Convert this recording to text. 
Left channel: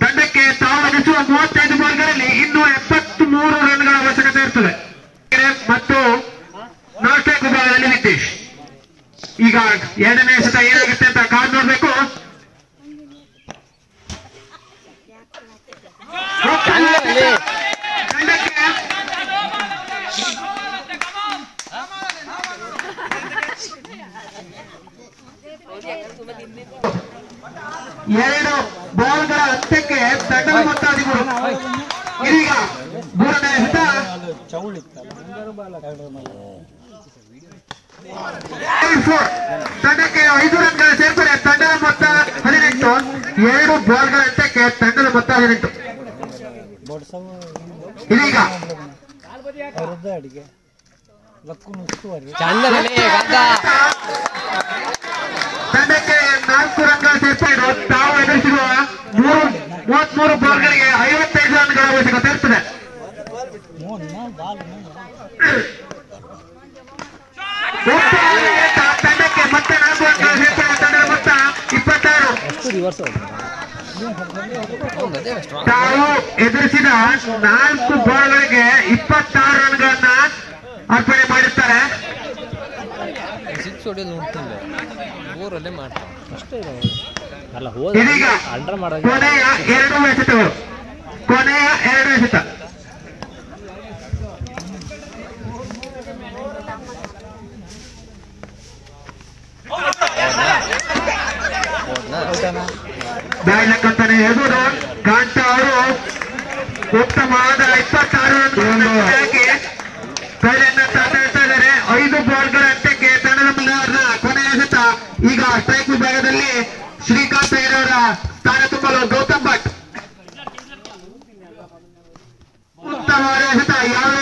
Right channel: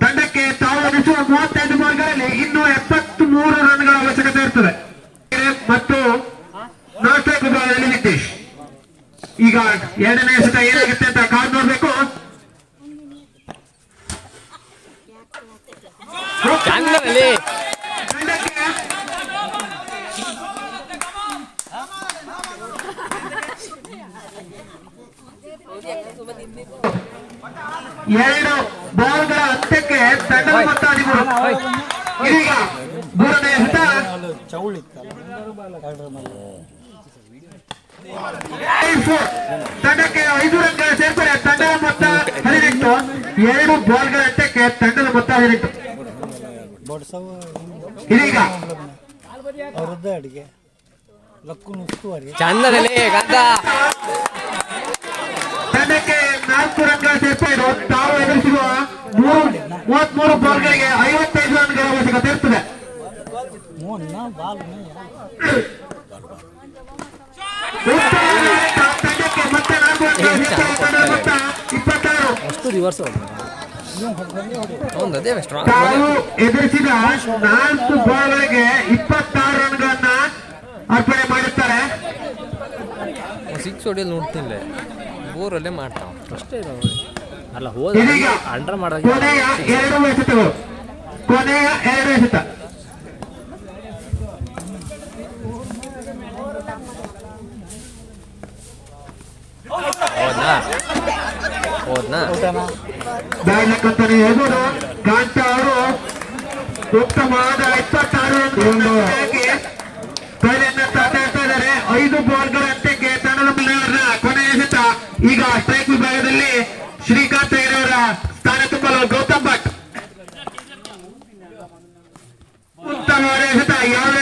ತಂಡಕ್ಕೆ ತಾವು ಎನಿಸುವ 35 ಬಾಲ್ಗಳಲ್ಲಿ ಇನ್ನೂ 73 ರನ್ಗಳ ಅವಶ್ಯಕತೆ ಇರ್ತದೆ ಮತ್ತು ನಾಲ್ಕು ಬಾಲ್ಗಳಲ್ಲಿ ನಿತೀಶ್. ಈಗ ಎರಡನೇ ಎಸೆತ ಏನಾಗುತ್ತೆ ಅಂತ ಕಾದು ನೋಡ್ಬೇಕು. ಎರಡು ಬಾಲ್ಗಳ ಅಂತ್ಯಕ್ಕೆ ತಂಡದ ಮೊತ್ತ 13. ಇದೀಗ ಮೂರನೇ ಎಸೆತ ತಂಡಕ್ಕೆ 5 ರನ್ಗಳ ಸೇರ್ಪಡೆ, ತಂಡದ ಮೊತ್ತ 18. ಎರಡು ಬಾಲ್ಗಳ ಅಂತ್ಯಕ್ಕೆ ತಂಡದ ಮೊತ್ತ 18. ಇದೀಗ ತಂಡಕ್ಕೆ 4 ರನ್ಗಳ ಸೇರ್ಪಡೆ, ತಾವು ಎದುರಿಸಿರುವ 33 ಬಾಲ್ಗಳಿಗೆ 55 ರನ್ಗಳ ಅವಶ್ಯಕತೆ ಇರ್ತದೆ. ತಂಡಕ್ಕೆ ಮತ್ತೆ 4 ರನ್ಗಳ ಸೇರ್ಪಡೆ, ತಂಡದ ಮೊತ್ತ 26. ತಾವು ಎದುರಿಸಿದ 4 ಬಾಲ್ಗಳಿಗೆ 26 ರನ್ಗಳನ್ನ ಅರ್ಪಣೆ ಮಾಡಿರ್ತಾರೆ. ಕೊನೆಯ 2 ಎಸೆತಗಳು, ಕೊನೆಯ 2 ಎಸೆತ. ಬ್ಯಾಡ್ ಅಂತಾನೆ ಹೇಳ್ಬೋದು. ಕಾಂತ ಅವರು ಉತ್ತಮವಾದ 26 ಕೈಯನ್ನು ತಾಡ್ತಾ ಇದ್ದಾರೆ. 5 ಬಾಲ್ಗಳ ಅಂತ್ಯಕ್ಕೆ ತಂಡದ ಮುನ್ನಡೆಯ ಕೊನೆಯ ಎಸೆತ. ಈಗ ಸ್ಟ್ರೈಕ್ ವಿಭಾಗದಲ್ಲಿ ಶ್ರೀಕಾಂತ್ ಅವರ ಸ್ಥಾನ ತುಂಬಲು ಗೌತಮ್ ಭಟ್. ಉತ್ತಮವಾದ ಎಸೆತ. ಯಾವ